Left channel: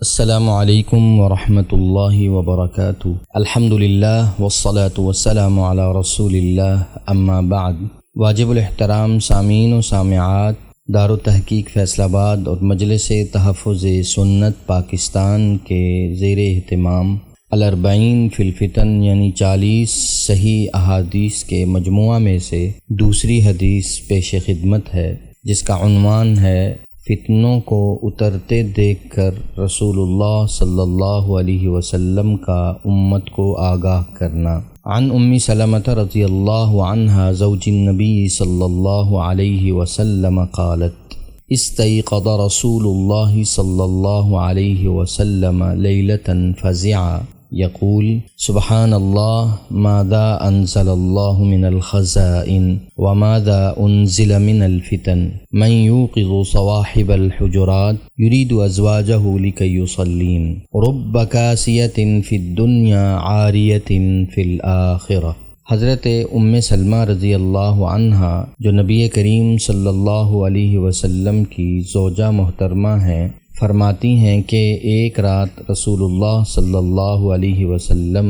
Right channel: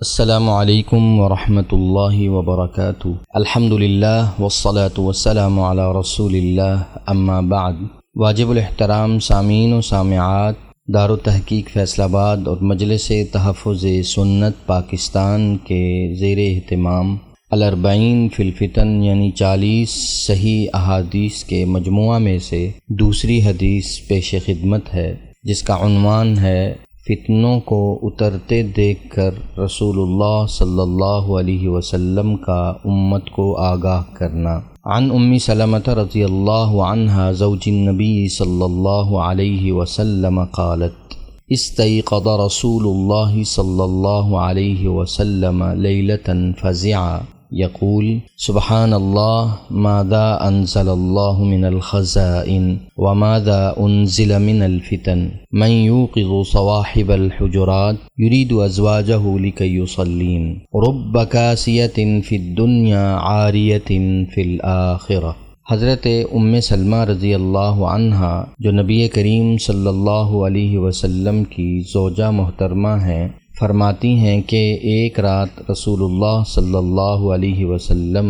السلام علیکم ورحمۃ اللہ وبرکاتہ۔ الحمدللہ والصلاة والسلام علی رسول اللہ، اما بعد۔ واجب الاحترام سامعین و سامعات، دارالتحقیق فیصل آباد اور مجلس تحفظ سنت پاکستان کے زیر اہتمام الاربعین فی الفتن یعنی 40 صحیح احادیث کے مجموعہ میں سے دوسری حدیث پیش خدمت ہے، جس کا عنوان ہے فتنوں کو اترتے دیکھ کر رسول اللہ صلی اللہ علیہ وسلم کا امت کو آگاہ کرنا۔ عن ام سلمۃ رضی اللہ عنہا زوج النبی صلی اللہ علیہ وسلم قالت استيقظ رسول اللہ صلی اللہ علیہ وسلم لیلة فزعا يقول سبحان الله ماذا أنزل الله من الخزائن وماذا أنزل من الفتن من يوقظ صواحب الحجرات يريد أزواجه لكي يصلين رب كاسية في الدنيا عارية في الآخرة۔ حضرت ام سلمہ رضی اللہ عنہا جو نبی کریم صلی اللہ علیہ وسلم کی زوجہ محترمہ ہیں، فرماتی ہیں کہ ایک رات رسول اللہ صلی اللہ علیہ وسلم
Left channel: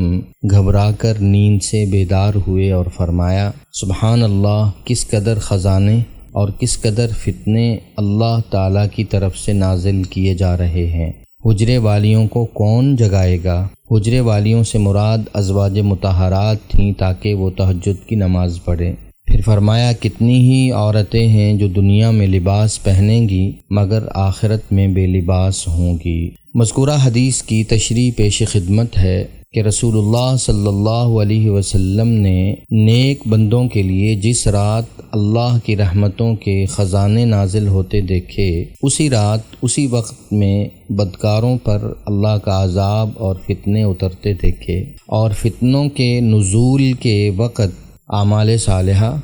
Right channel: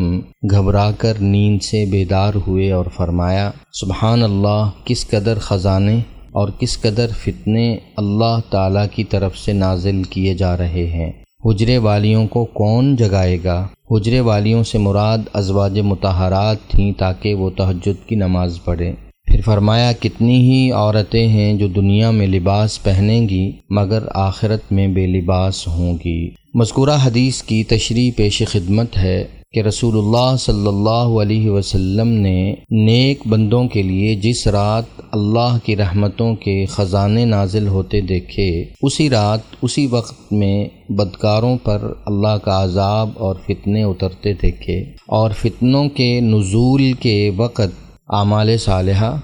گھبرا کر نیند سے بیدار ہوئے اور فرمایا سبحان اللہ، کس قدر خزانے اور کس قدر فتنے اللہ تعالیٰ کی طرف سے نازل کیے جا رہے ہیں۔ حجرے والیوں کو کون جگائے گا؟ حجرے والیوں سے مراد ازواج مطہرات تھیں تاکہ وہ تہجد کی نماز پڑھیں۔ پھر فرمایا کتنی ہی عورتیں ہیں جو دنیا میں لباس پہنیں گی مگر آخرت میں بے لباس ہوں گی۔ مذکورہ حدیث کی تشریح پیش خدمت ہے کہ رسول اللہ صلی اللہ علیہ وسلم نے نیک بندوں کے لیے جس رات اللہ کی رحمتوں کے خزانے نازل ہوتے دیکھے، اسی رات اسی وقت میں بدکاروں پر اللہ کا عذاب اور فتنے اترتے دیکھے، اور فتنوں کے نزول کے وقت اعمال صالحہ،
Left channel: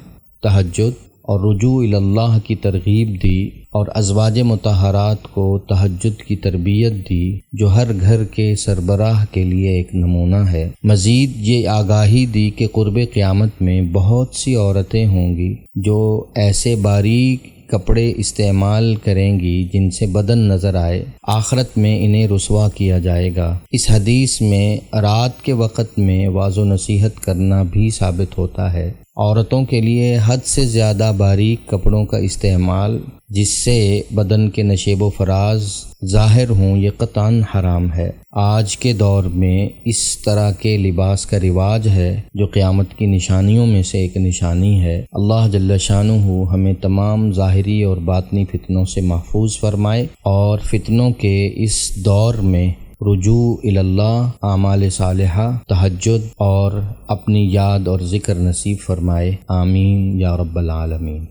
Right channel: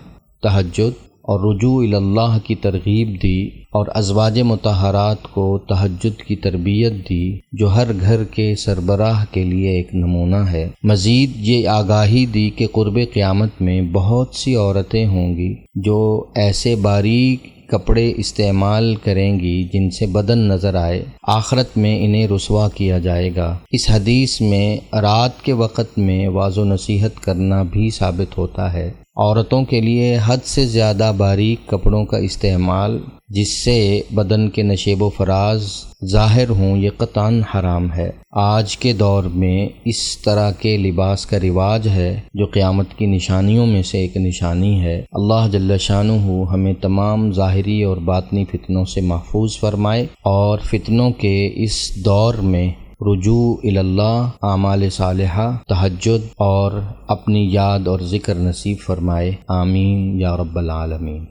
تہجد اور رجوع الی اللہ کی ترغیب دی، اور ازواج مطہرات کو تہجد کی تربیت دی جو ہر گھر کے سربراہ کے لیے ایک نمونہ ہے۔ مزید یہ آگاہی دی کہ قرب قیامت میں بہت سی عورتیں ہوں گی جو ایسے باریک کپڑے استعمال کریں گی جن سے بدن نظر آئے، آخرت میں انہیں رسوا کیا جائے گا۔ اس حدیث میں رات کے وقت میں واعظ و نصیحت کرنا بھی ثابت ہوتا ہے۔ عورتوں کے لیے حد سے زیادہ باریک کپڑوں کا استعمال جس سے بدن کے نشیب و فراز ظاہر ہوں، یہ قطعاً حرام ہے۔ آج کے دور میں اس طرح کے لباس کا رواج ہے جو قیامت کی نشانیوں میں سے ایک نشانی ہے۔ اللہ جل شانہ ہمیں تمام ظاہری اور باطنی فتنوں سے محفوظ فرمائے، اور فتنوں کے اس دور میں رجوع الی اللہ، اعمال صالحہ، تہجد اور اپنی یاد اور ذکر نصیب فرمائے، آمین یا رب العالمین۔